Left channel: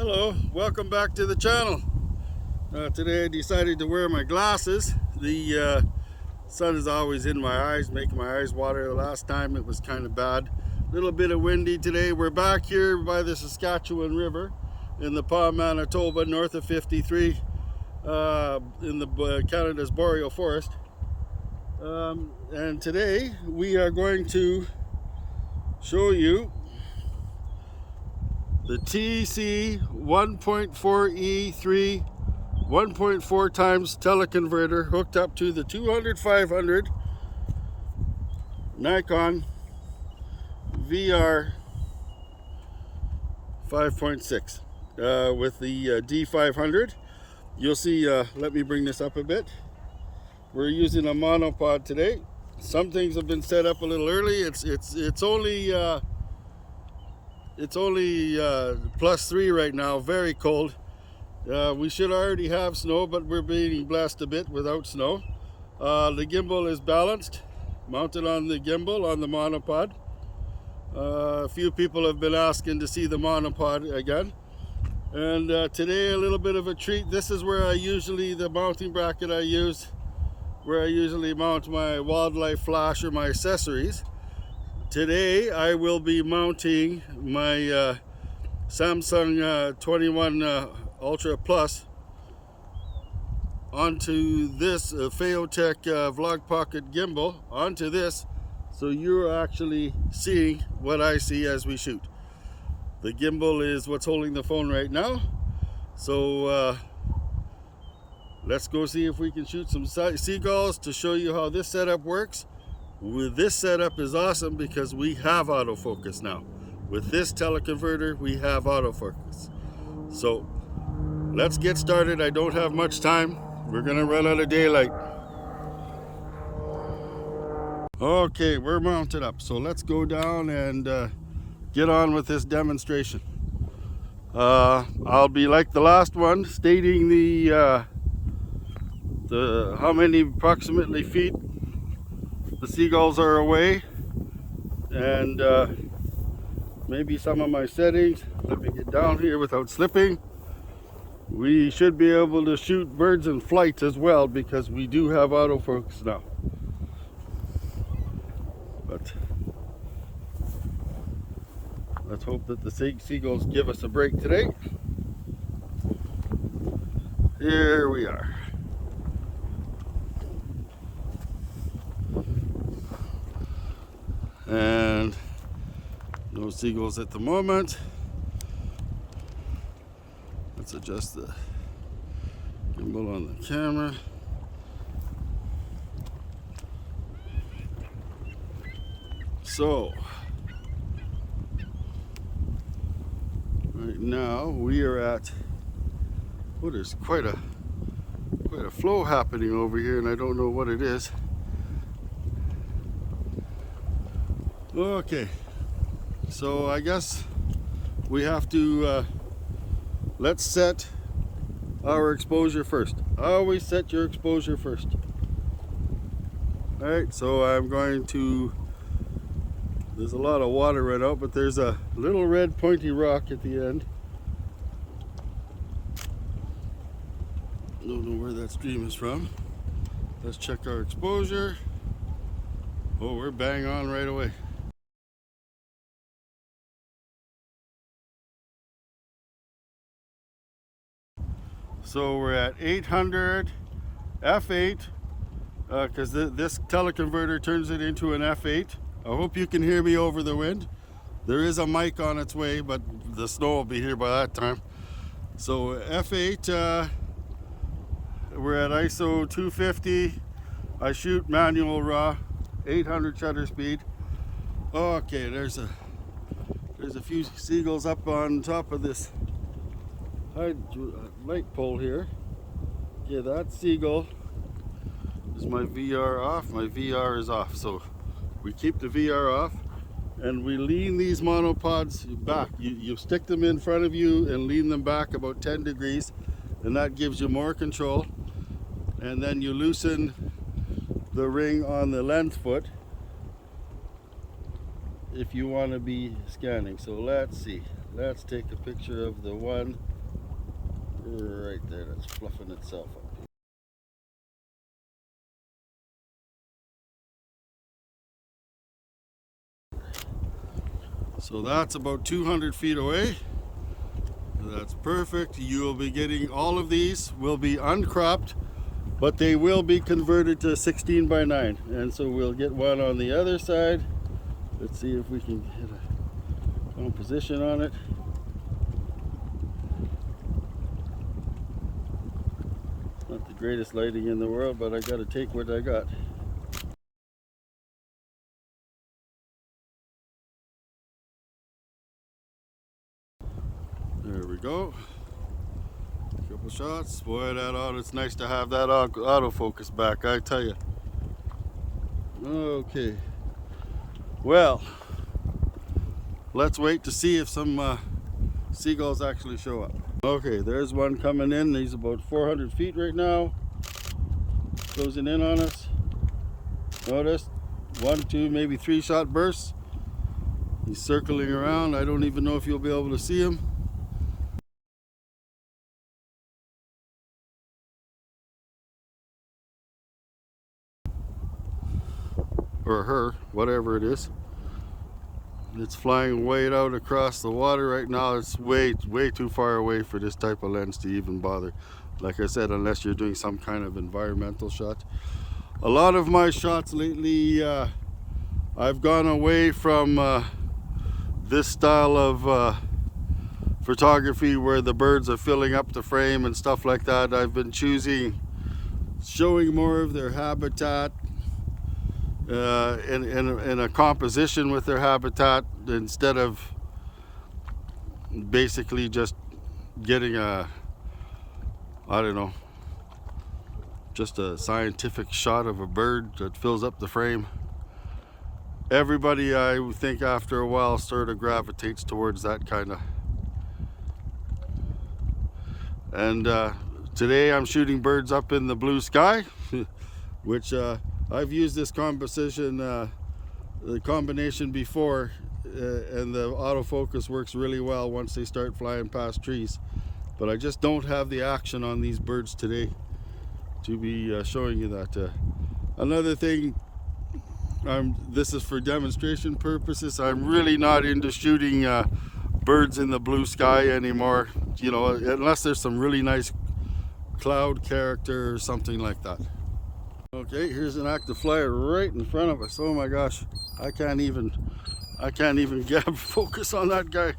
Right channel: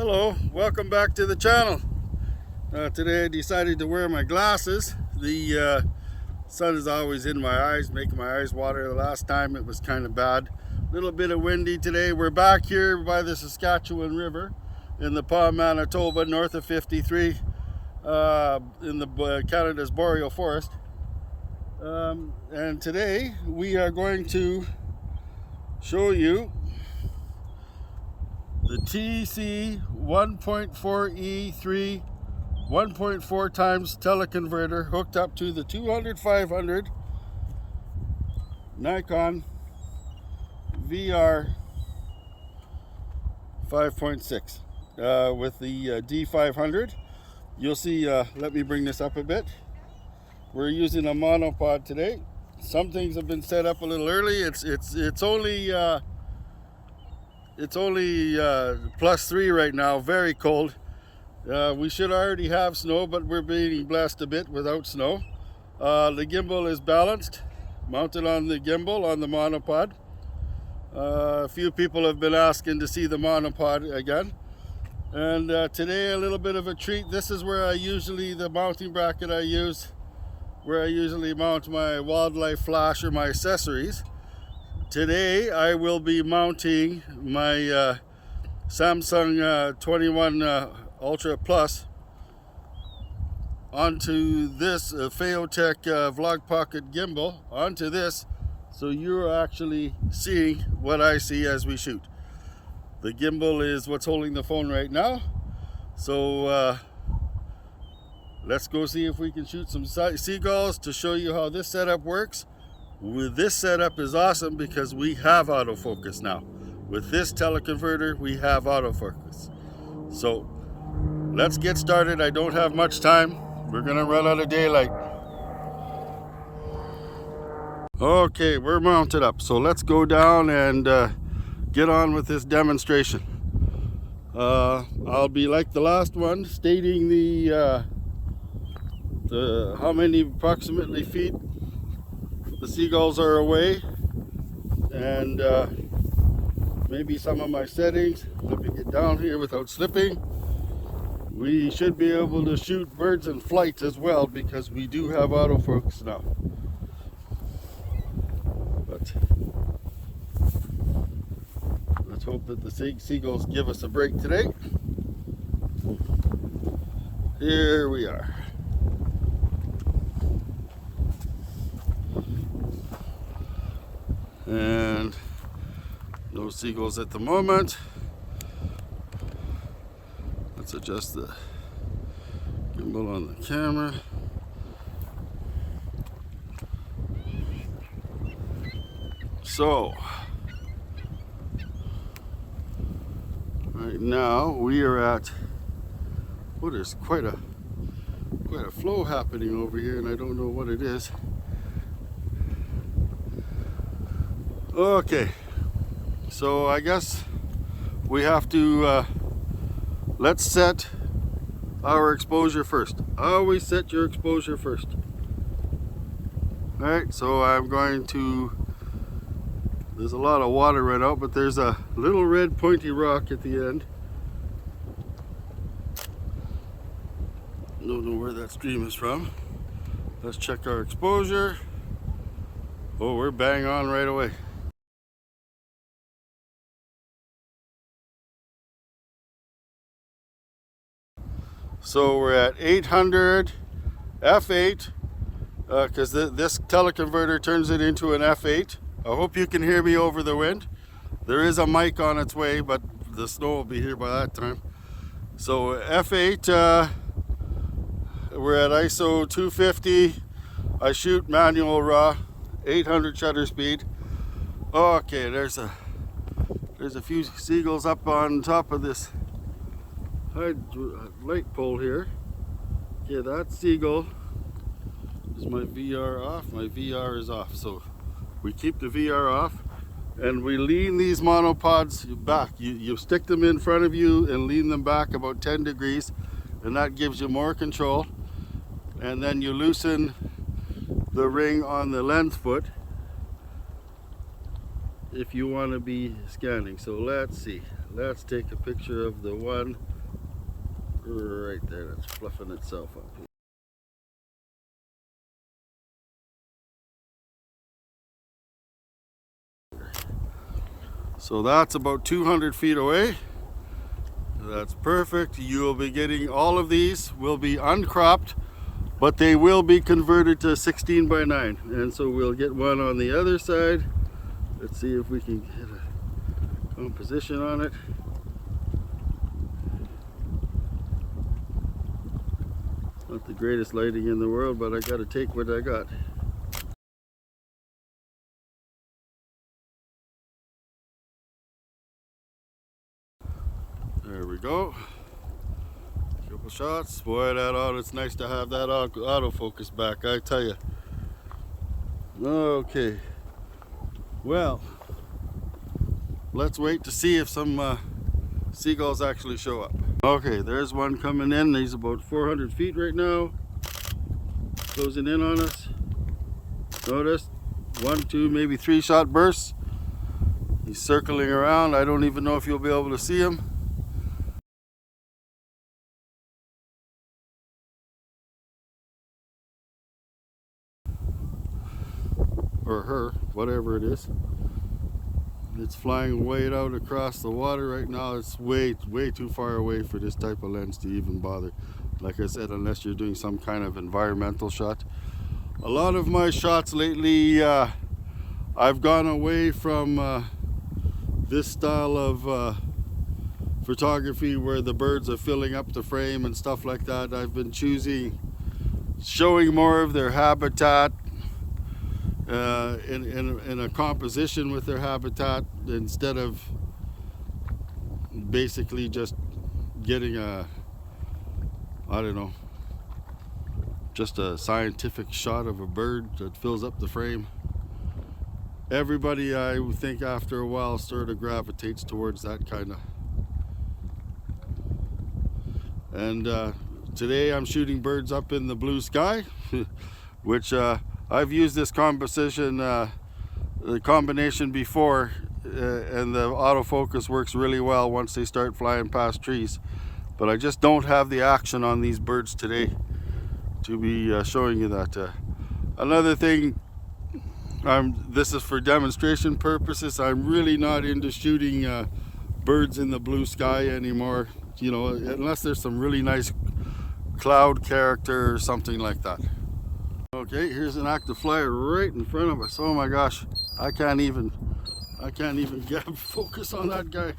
Hello, welcome back to the channel. Today I decided to wear my glasses. The sun is always in my eyes, making my eyes water. The last time it was kind of bad. A little bit of windy today. We're back here by the Saskatchewan River in the Pas Manitoba, north of 53, in the Canada's boreal forest. And today we are going to show you the TC-14E 1.4 times teleconverter hooked up to the 500 Nikon VR 5.6 with the D500. You'll see, let me bring this up a bit. We're using a monopod today. Some things have been set up a little early. It's only +3 right now, very cold. We should already have snow, but we're being blessed a bit without snow. The gimbal is balanced, mounted on the gimbal on the monopod. A few people have been asking to see the monopod again. And today a little bit of a treat. This is where the mounting bracket I use, where I usually mount my wildlife flash or my accessories. Today I will be mounting my Samsung 21 Ultra Plus onto this Phaotech Vlog Pocket gimbal, onto this, so you're actually seeing what I see as we shoot. The gimbal is what's holding the phone right now, so let's go see if we can shoot some seagulls to show you how this setup works. With this setup is awesome because we have autofocus now. With this teleconverter, we have autofocus. So let's get started. I don't have much time. We're gonna run out of daylight. Okay, we're mounted up. So let's go down and get on with this demonstration. I'll be like the last one, stating the how many approximately feet the seagulls are away, and maybe some of my settings. Let me get down here without slipping. We should be able to shoot birds in flight as well because we do have autofocus now. But let's hope that the seagulls give us a break today. Here we are. And no seagulls at the moment. Let's adjust the gimbal on the camera. So right now we are at, oh, there's quite a flow happening over here, and I don't know what it is. Okay, so I guess we have to let's set our exposure first. Always set your exposure first. All right, so I'm going to, there's a lot of water right out, but there's a little red pointy rock at the end. Don't know where that stream is from. Let's check our exposure. Oh, we're bang on right away. So we're at 800 F8 because this teleconverter turns it into an F8. I hope you can hear me over the wind. There is a mic on its way, but the snow will be here by that time. So F8, we're at ISO 250. I shoot manual raw, 800 shutter speed. Okay, there's a few seagulls up on top of this light pole here. Yeah, that seagull. Is my VR off? My VR is off. So we keep the VR off and we lean these monopods back. You stick them in front of you and lean them back about 10 degrees, and that gives you more control. And then you loosen the ring on the lens foot if you want to be scanning. So let's see. Let's take a picture of the one right there, that's fluffing itself up. So that's about 200 feet away. That's perfect. You will be getting all of these will be uncropped, but they will be converted to 16 by 9. And so we'll get one on the other side. Let's see if we can get a composition on it. Not the greatest lighting in the world, but I got to take what I got. There we go. Couple shots. Boy, that auto, it's nice to have that autofocus back, I tell you. Okay. Well, let's wait to see if some seagulls actually show up. Okay, there's one coming in. He's about 400 feet right now. Closing in on us. Notice 1, 2, maybe 3 shot bursts. He's circling around. I don't even know if you'll be able to see him. Or her, whatever it is. It's flying way out across the water right now. It's way too far away for this type of lens to even bother. Like I said, unless you're doing some kind of environmental shot. A lot of my shots lately, I've gone away from this style of photography where the birds are filling up the frame and stuff like that. I've been showing more of their habitat in a composition with their habitat, instead of basically just getting I don't know, just a scientific shot of a bird that fills up the frame. Everybody, I think, after a while sort of gravitates towards that kind of. And today I'm shooting birds up in the blue sky, which I've used this combination before, and the autofocus works really well once they start flying past trees. But I just don't have the action on these birds today to be showing you that. Another thing, this is for demonstration purposes. I'm really not into shooting birds in the blue sky anymore, you know, unless there's some really nice cloud character or something like that. Okay, here's an active flyer right in front of us. Oh my gosh, I can't even get focus on that guy.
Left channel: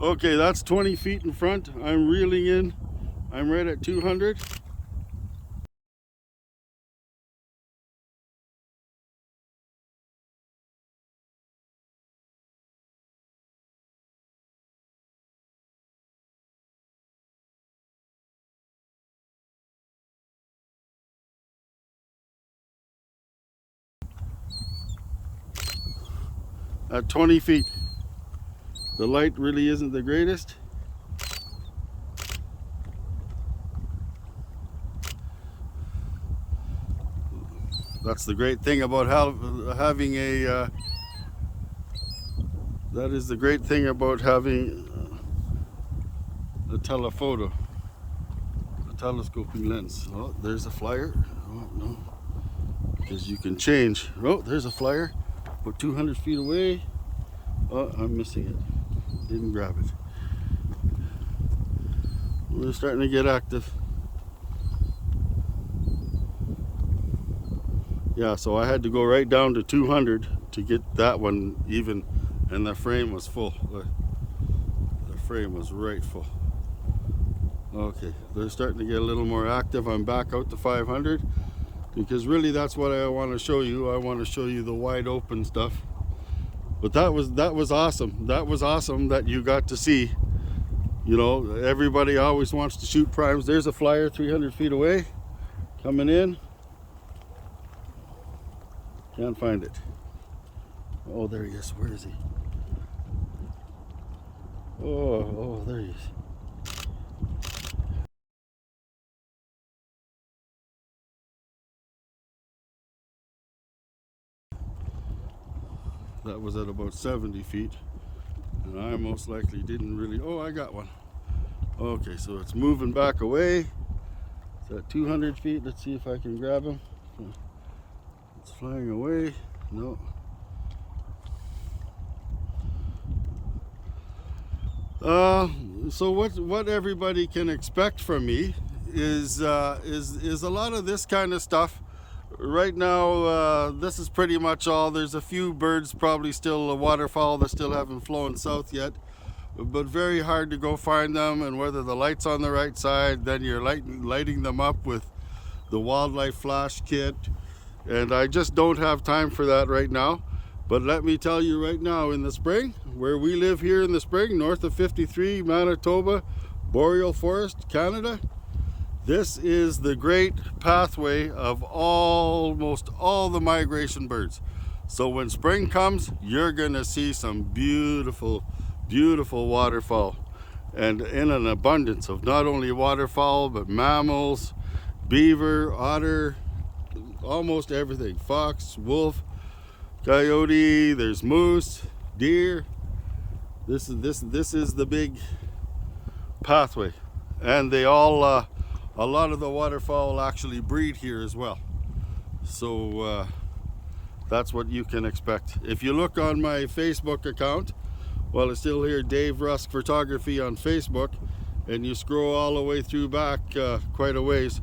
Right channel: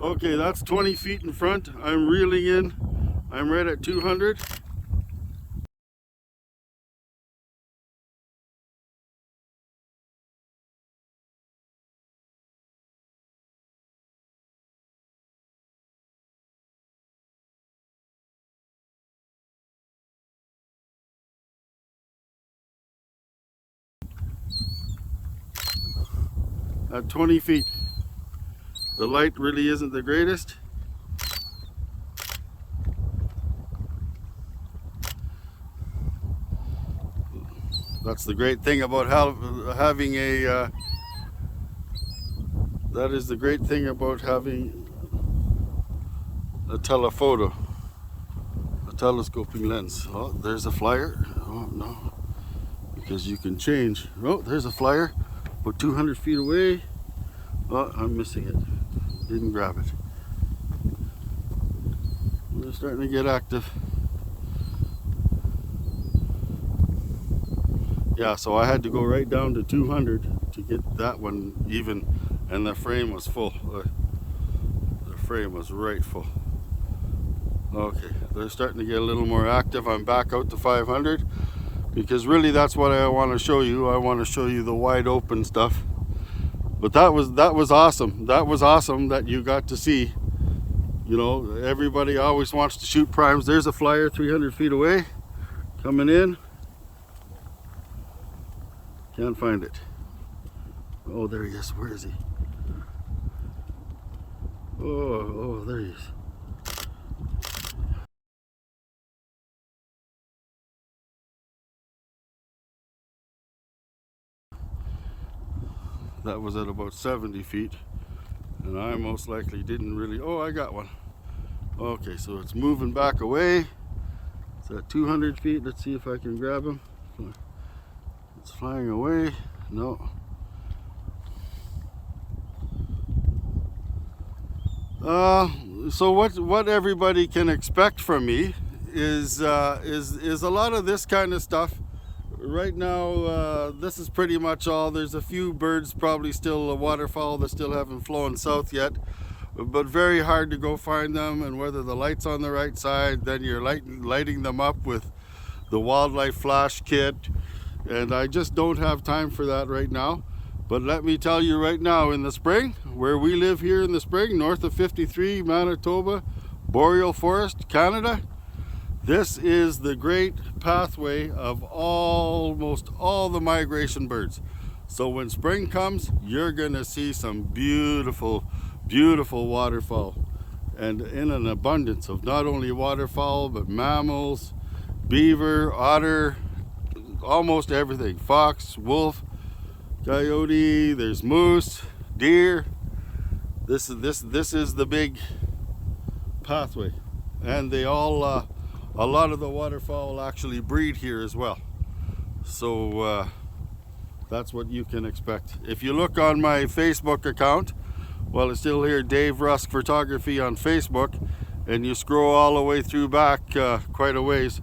Okay, that's 20 feet in front. I'm reeling in. I'm right at 200. At 20 feet. The light really isn't the greatest. That's the great thing about having a that is the great thing about having a telephoto, a telescoping lens. Oh, there's a flyer. Oh no, because you can change. Oh, there's a flyer, about 200 feet away. Oh, I'm missing it. Didn't grab it. We're starting to get active. Yeah, so I had to go right down to 200 to get that one even, and the frame was full. The frame was right full. Okay, they're starting to get a little more active. I'm back out to 500 because really that's what I want to show you. I want to show you the wide open stuff. But that was awesome. That was awesome that you got to see. You know, everybody always wants to shoot primes. There's a flyer 300 feet away coming in. Can't find it. Oh, there he is. Where is he? Oh, there he is. That was at about 70 feet. And I most likely didn't really... Oh, I got one. Okay, so it's moving back away. It's at 200 feet. Let's see if I can grab him. It's flying away. No. So what everybody can expect from me is a lot of this kind of stuff. Right now, this is pretty much all. There's a few birds, probably still waterfowl that still haven't flown south yet, but very hard to go find them. And whether the light's on the right side, then you're lighting them up with the wildlife flash kit, and I just don't have time for that right now. But let me tell you right now, in the spring, where we live here in the spring, north of 53, Manitoba, Boreal Forest, Canada, this is the great pathway of almost all the migration birds. So when spring comes, you're gonna see some beautiful, beautiful waterfowl, and in an abundance of not only waterfowl, but mammals, beaver, otter, almost everything, fox, wolf, coyote, there's moose, deer. This is the big pathway, and they all a lot of the waterfowl actually breed here as well. So that's what you can expect. If you look on my Facebook account, well, it's still here, Dave Rusk Photography on Facebook, and you scroll all the way through back quite a ways,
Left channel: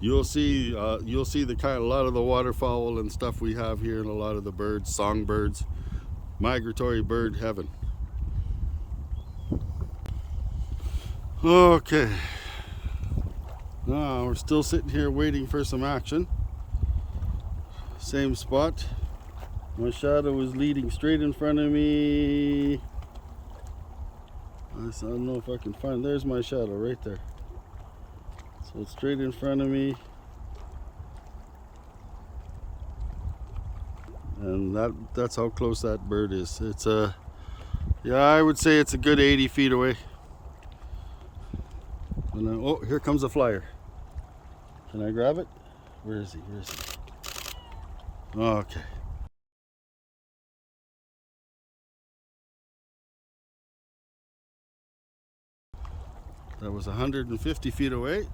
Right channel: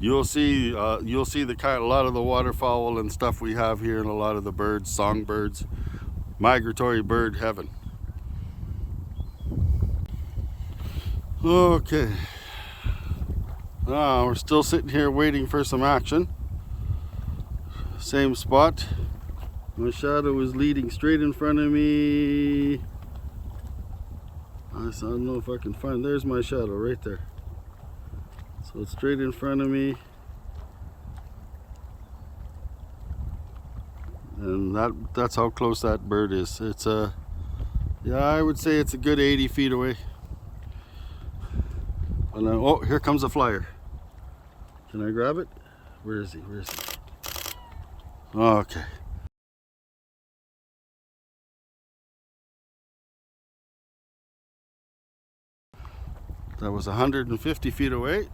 you'll see the a lot of the waterfowl and stuff we have here, and a lot of the birds, songbirds, migratory bird heaven. Okay, we're still sitting here waiting for some action. Same spot. My shadow is leading straight in front of me. I don't know if I can find, there's my shadow right there. So it's straight in front of me, and that's how close that bird is. It's yeah, I would say it's a good 80 feet away. And then, oh, here comes a flyer. Can I grab it? Where is he? Where is he? Okay. That was 150 feet away.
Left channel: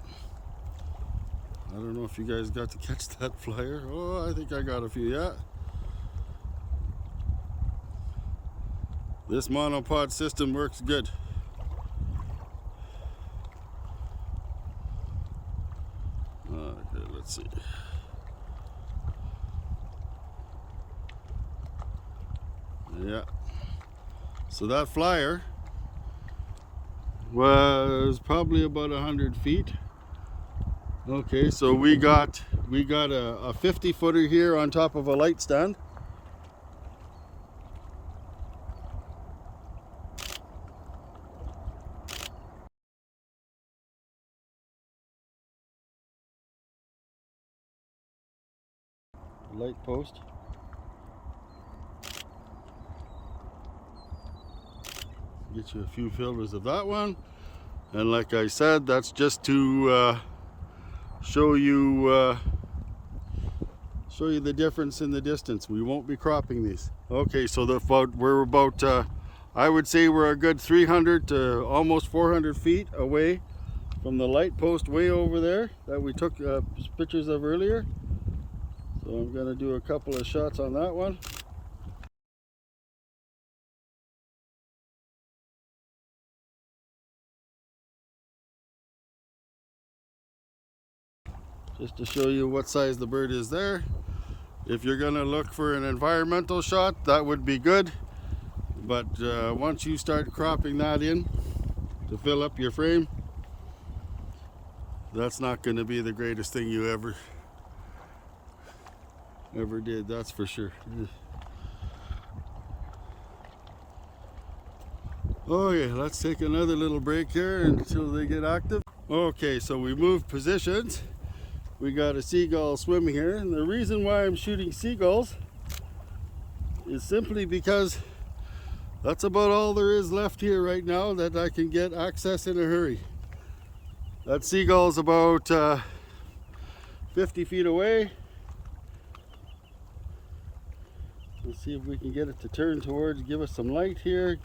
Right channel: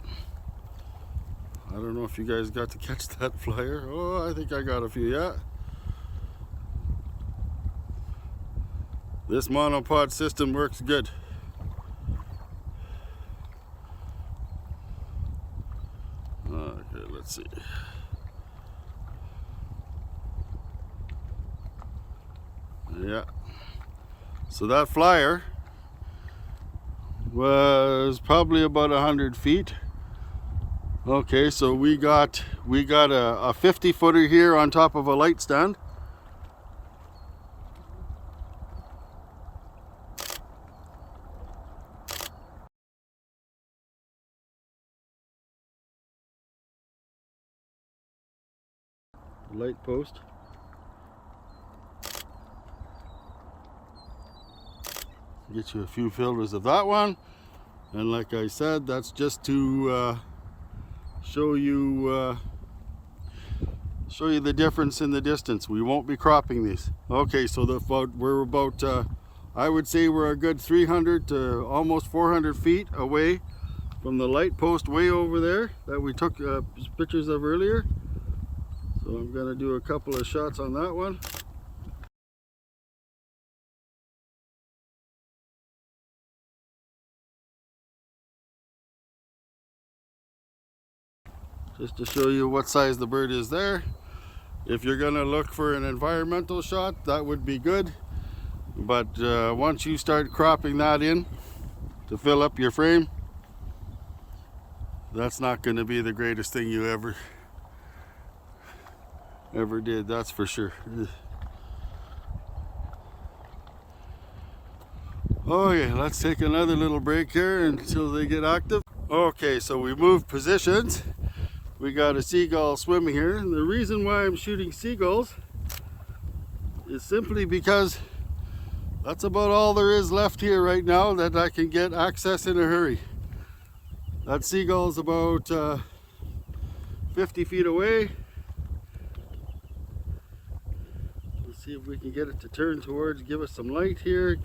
I don't know if you guys got to catch that flyer. Oh, I think I got a few, yeah. This monopod system works good. Okay, let's see. Yeah. So that flyer was probably about 100 feet. Okay, so we got a 50 footer here on top of a light stand. Light post. Get you a few filters of that one, and like I said, that's just to show you the difference in the distance. We won't be cropping these. Okay, so we're about I would say we're a good 300 to almost 400 feet away from the light post way over there that we took pictures of earlier. So I'm going to do a couple of shots on that one. Just to show you what size the bird is there. If you're going to look for an environmental shot, that would be good. But once you start cropping that in to fill up your frame, that's not going to be the greatest thing you ever did, that's for sure. Okay, let's take another little break here until they get active. Okay, so we moved positions. We got a seagull swimming here, and the reason why I'm shooting seagulls is simply because that's about all there is left here right now that I can get access in a hurry. That seagull's about 50 feet away. Let's see if we can get it to turn towards, give us some light here.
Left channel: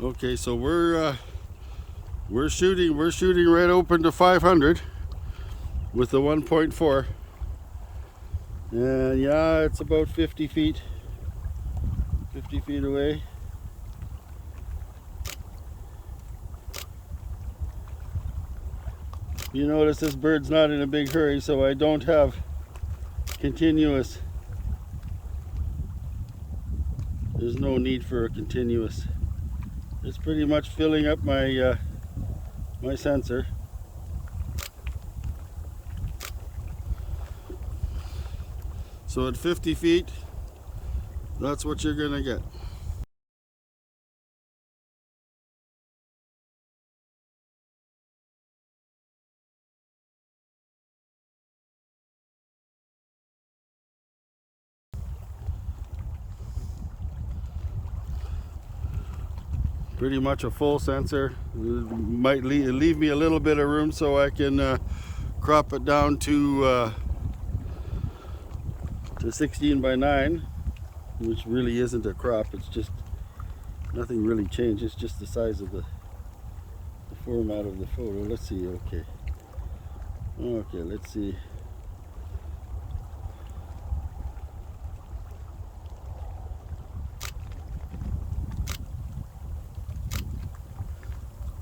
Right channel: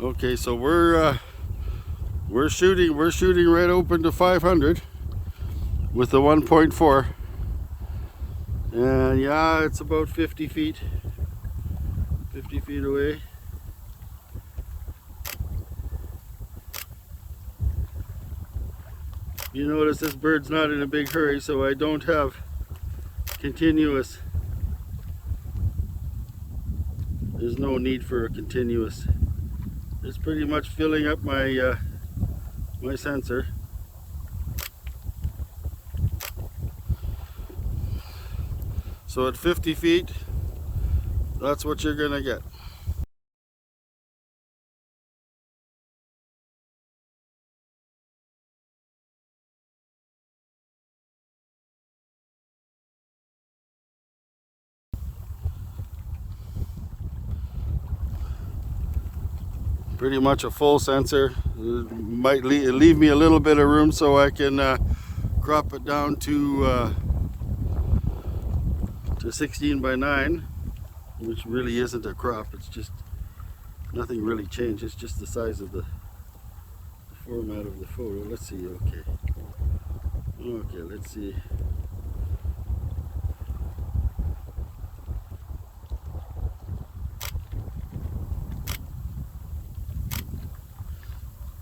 Okay, so we're shooting right open to 500 with the 1.4, and yeah, it's about 50 feet away. You notice this bird's not in a big hurry, so I don't have continuous. There's no need for a continuous. It's pretty much filling up my my sensor. So at 50 feet, that's what you're gonna get. Pretty much a full sensor. It might leave me a little bit of room so I can crop it down to 16:9, which really isn't a crop. It's just nothing really changed. It's just the size of the format of the photo. Let's see. Okay, let's see.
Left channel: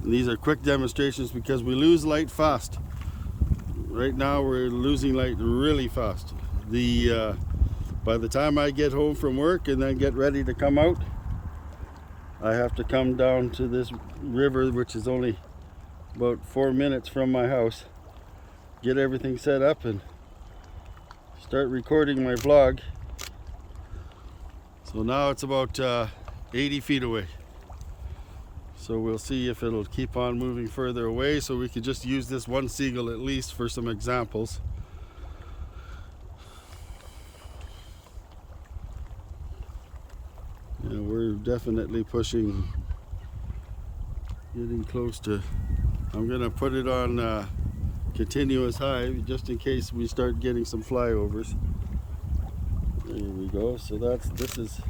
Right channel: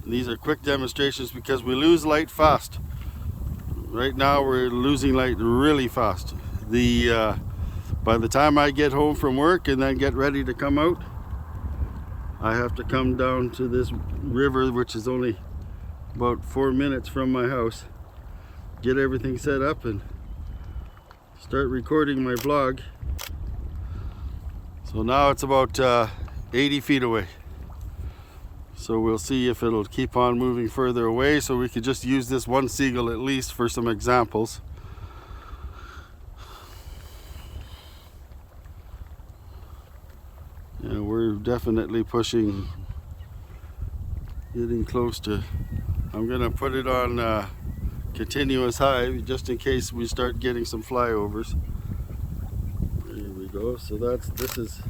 These are quick demonstrations because we lose light fast. Right now we're losing light really fast. By the time I get home from work and then get ready to come out, I have to come down to this river, which is only about 4 minutes from my house, get everything set up and start recording my vlog. So now it's about 80 feet away. So we'll see if it'll keep on moving further away, so we could just use this one seagull at least for some examples. Yeah, we're definitely pushing, getting close to. I'm gonna put it on continuous high just in case we start getting some flyovers. There we go. So this is.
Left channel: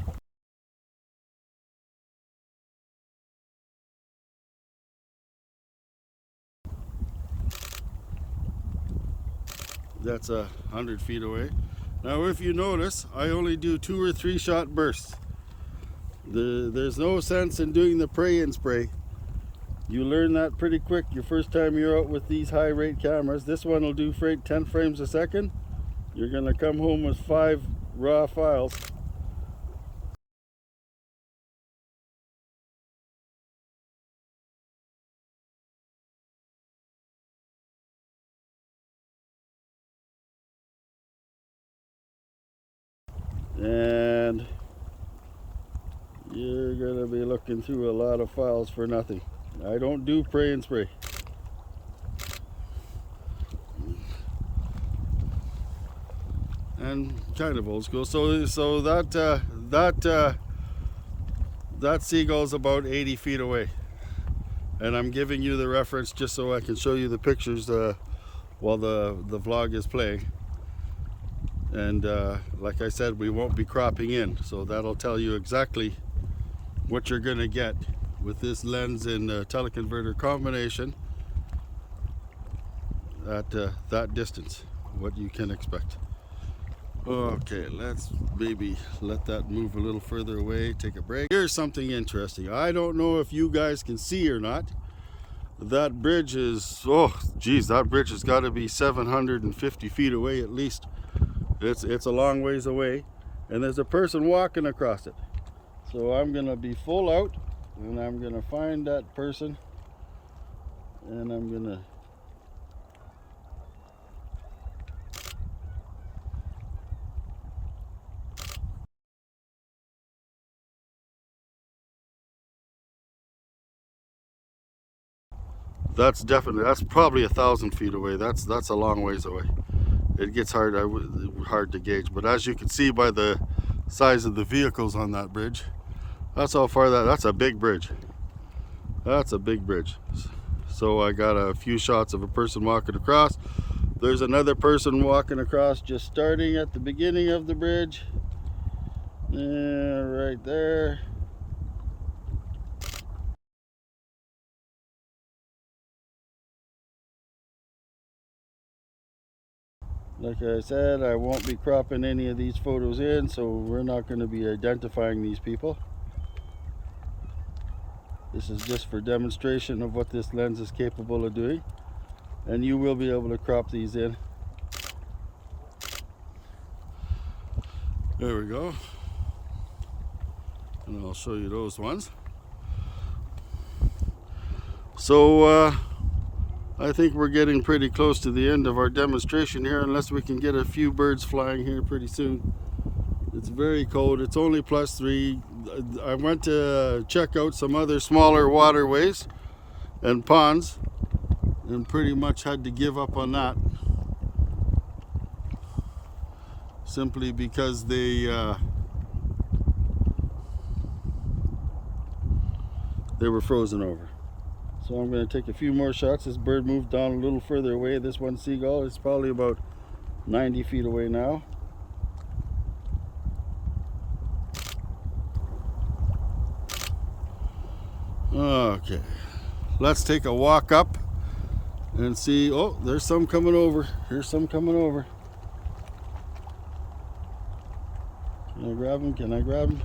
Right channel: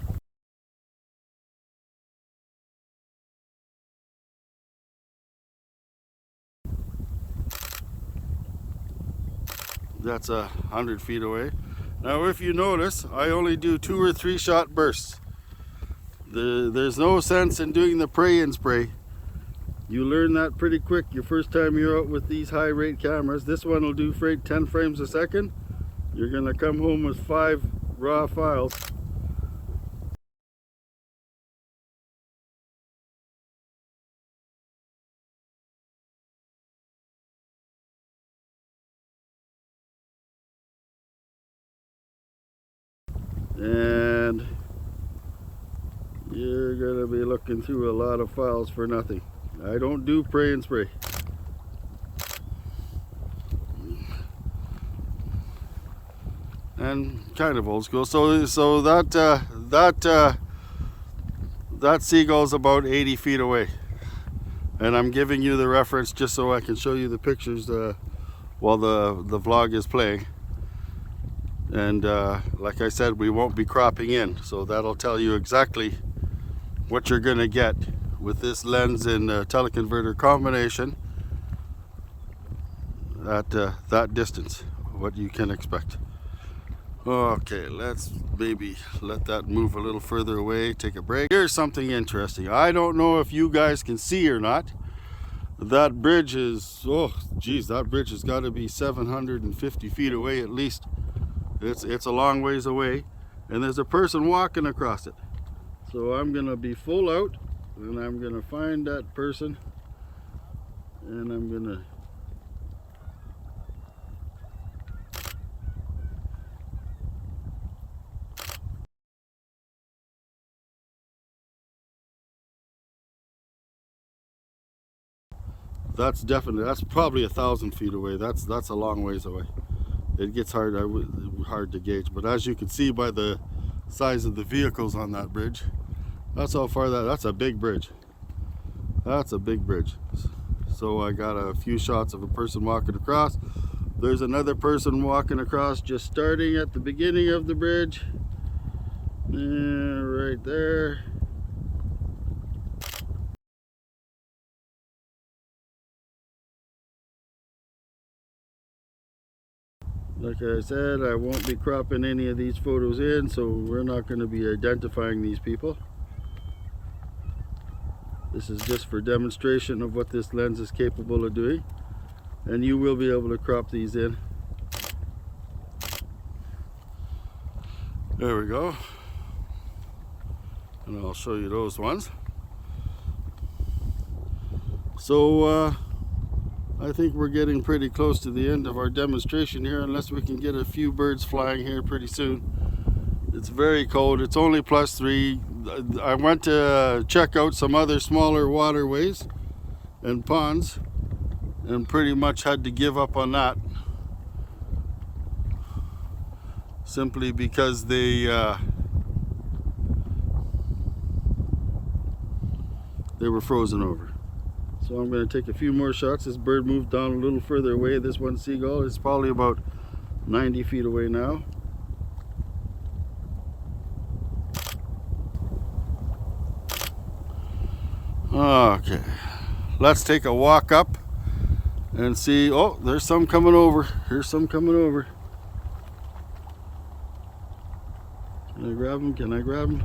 That's 100 feet away. Now if you notice, I only do 2 or 3 shot bursts. There's no sense in doing the pray and spray. You learn that pretty quick your first time you're out with these high rate cameras. This one will do 10 frames a second. You're gonna come home with 5 raw files. And you're gonna be looking through a lot of files for nothing. I don't do pray and spray. And kind of old school. So that seagull's about 80 feet away. And I'm giving you the reference just so I can show you the pictures while the vlog is playing. And like I said, we won't be cropping in, so that'll tell you exactly what you're gonna get with this lens and teleconverter combination at that distance, what you can expect. Okay, let's maybe let that move a little further away, take a break. Here's something interesting. I don't know if you guys can see or not. That bridge is, oh geez, that bridge has got to be 750 feet away at least. It's a long ways away, and there's a person walking across it. So I'm gonna be full out, and I'm gonna find that person, and I'm gonna that's probably 1,000 feet away. That's a long ways away. It gets hard to gauge, but as you can see by the size of the vehicles on that bridge, that's how far that's a big bridge. That's a big bridge. So I got a few shots of a person walking across. There's another person walking across just starting at the beginning of the bridge. Right there. Like I said, I won't be cropping any of these photos in, so we're not going to be identifying these people. This is just for demonstration of what this lens is capable of doing, and you will be able to crop these in. There we go. And I'll show you those ones. So I think we're getting pretty close to the end of our demonstration here, unless we can get a few birds flying here pretty soon. It's very cold. It's only +3. I went to check out some other smaller waterways and ponds and pretty much had to give up on that, simply because they were frozen over. So I'm going to take a few more shots. This bird moved down a little further away. This one seagull is probably about 90 feet away now. Okay, let's take a walk up and see. Oh, there's some coming over. Here's some coming over. Can I grab him? Can I grab him?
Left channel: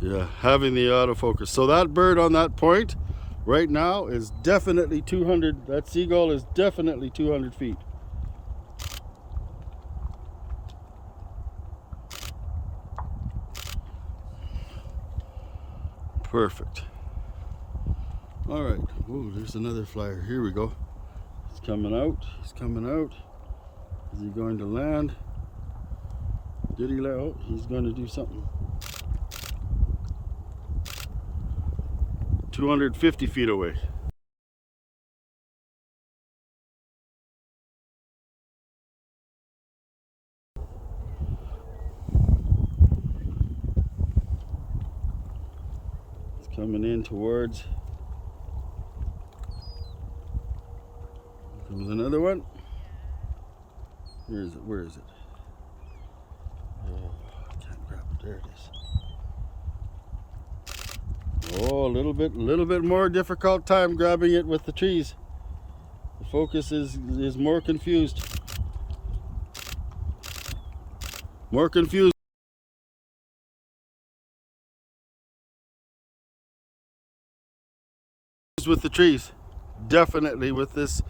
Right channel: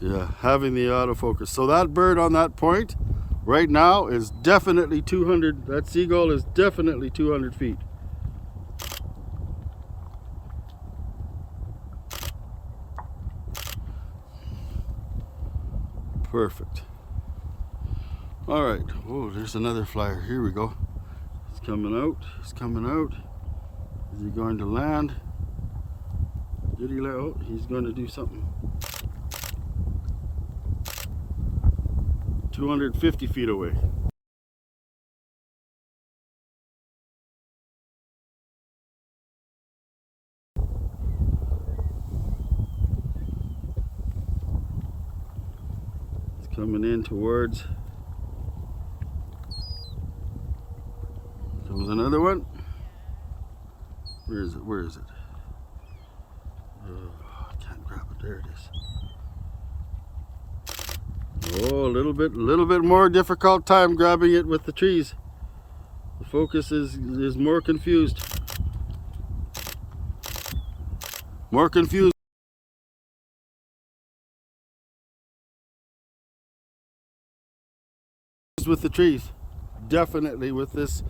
Yeah, having the autofocus. So that bird on that point right now is definitely 200. That seagull is definitely 200 feet. Perfect. All right. Oh, there's another flyer. Here we go. He's coming out. He's coming out. Is he going to land? Did he land? Oh, he's going to do something. 250 feet away. It's coming in towards. There was another one. Where is it? Where is it? Oh, I can't grab it. There it is. Oh, a little bit more difficult time grabbing it with the trees. The focus is more confused. More confused with the trees. Definitely with this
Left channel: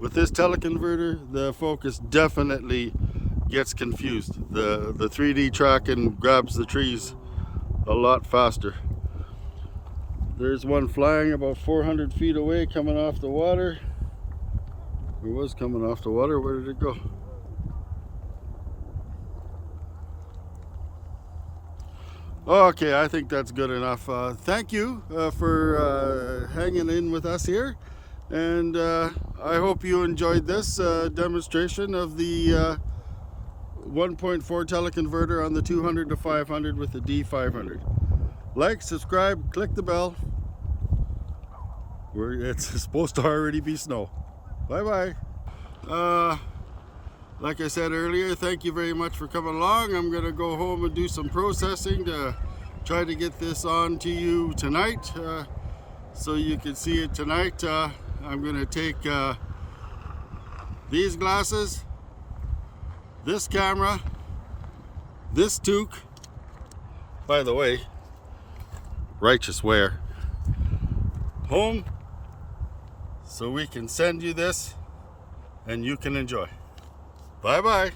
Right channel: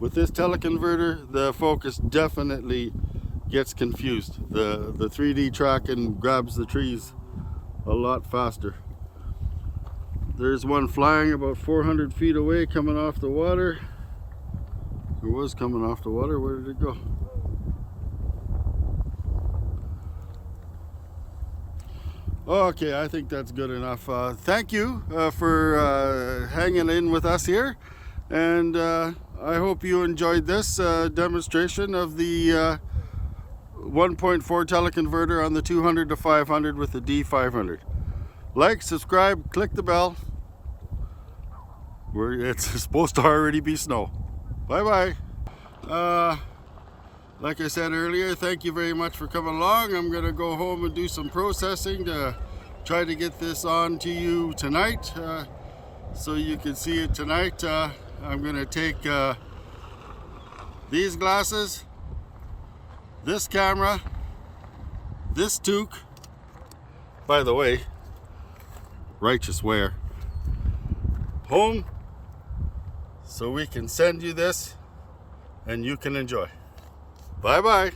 teleconverter, the focus definitely gets confused. The 3D tracking grabs the trees a lot faster. There's one flying about 400 feet away, coming off the water. It was coming off the water. Where did it go? Okay, I think that's good enough. Thank you for hanging in with us here. And I hope you enjoyed this demonstration of the 1.4 teleconverter on the 200 to 500 with the D500. Like, subscribe, click the bell. It's supposed to already be snow. Bye bye. Like I said earlier, thank you very much for coming along. I'm gonna go home and do some processing to try to get this on to you tonight, so you can see it tonight. I'm gonna take these glasses, this camera, this toque. By the way, righteous wear, home, so we can send you this and you can enjoy. Bye bye.